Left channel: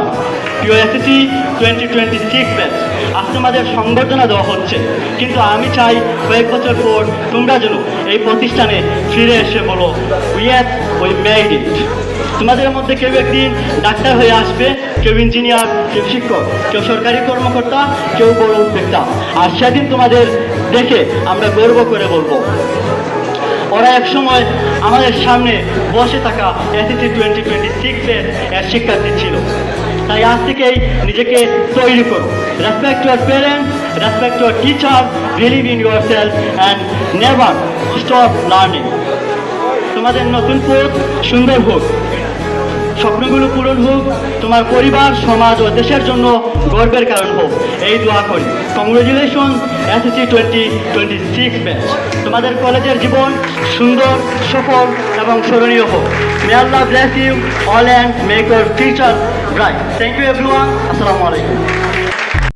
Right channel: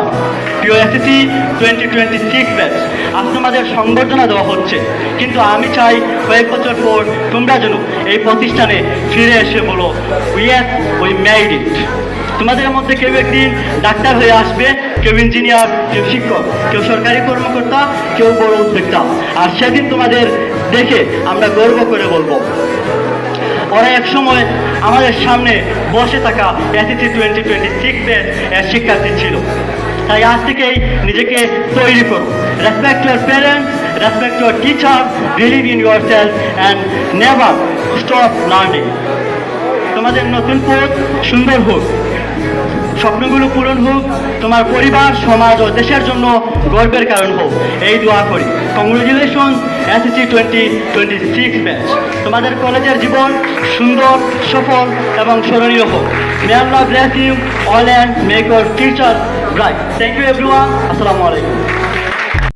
Welcome to SSC 2026 batch. আজ তোমাদের সংবর্ধনা দেওয়া হচ্ছে, কিন্তু আমি চাই কয়েক বছর পর তোমরা যেন এই প্রতিষ্ঠানে ফিরে এসে বলো উই মেড ইট। তোমাদের মধ্যে কেউ একদিন ডাক্তার হয়ে আসবে, কেউ ইঞ্জিনিয়ার, কেউ শিক্ষক, কেউ সরকারি কর্মকর্তা, কেউ বড় উদ্যোক্তা। আর সেদিন তোমাদের দেখে আমরা গর্ব করে বলবো ওরা এক সময় আমাদের সামনে বসে থাকা এসএসসি 2026 এর শিক্ষার্থী ছিল। তাই আজ থেকেই নিজেকে তৈরি করো। Respect your parents, respect your teacher, believe in your self and never stop learning. তোমাদের নতুন পথ সুন্দর হোক, স্বপ্নগুলো পূরণ হোক, তোমার পরিবার, সমাজ ও দেশের জন্য গর্বের কারণ হোক, এই দোয়া করি। Congratulation SSC 2026 batch. তোমাদের কলেজের জীবন সুন্দর, সফল এবং স্মরণীয় হোক। May Allah bless you all and make your future bright. Thank you everyone. Assalamu alaikum.